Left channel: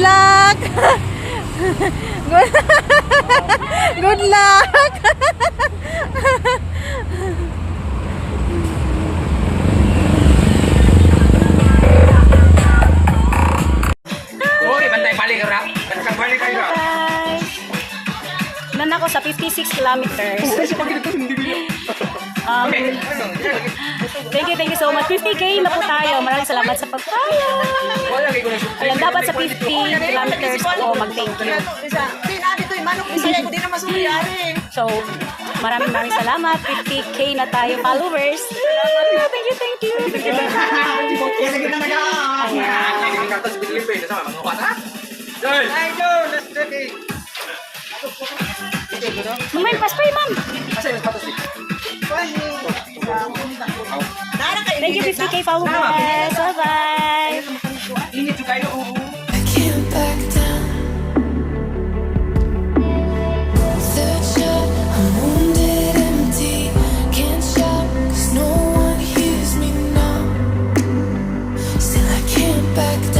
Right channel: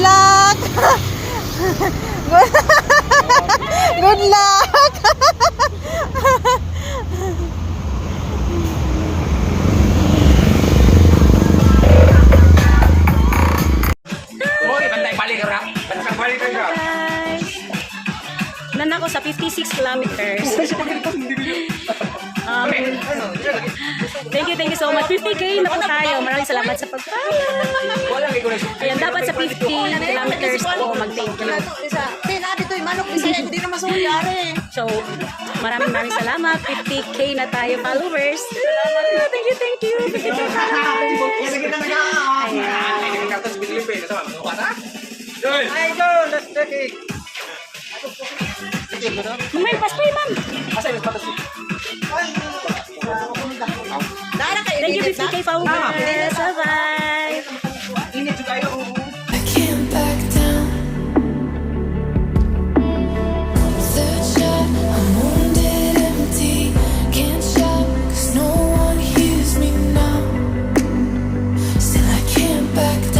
luck! Good, good luck! Uy, bantay-balik ka rap. Bantay-balik ka rap. Guys, nan ako sa 56 kilometers. Thank you so much. 50k na po tayo. Maraming salamat sa pag-follow. Ayan, dapat sa 50 kilometers po mag-thank you. So, maraming salamat. 50k na tayo followers. Thank you. Thank you. Ma'am, paspay, ma'am. Thank you, 50k followers. Bye-bye. I can't back down. Third shot, I'm wounded, empty. Can't shout, 'cause no one hears me now. Still, I can't back down.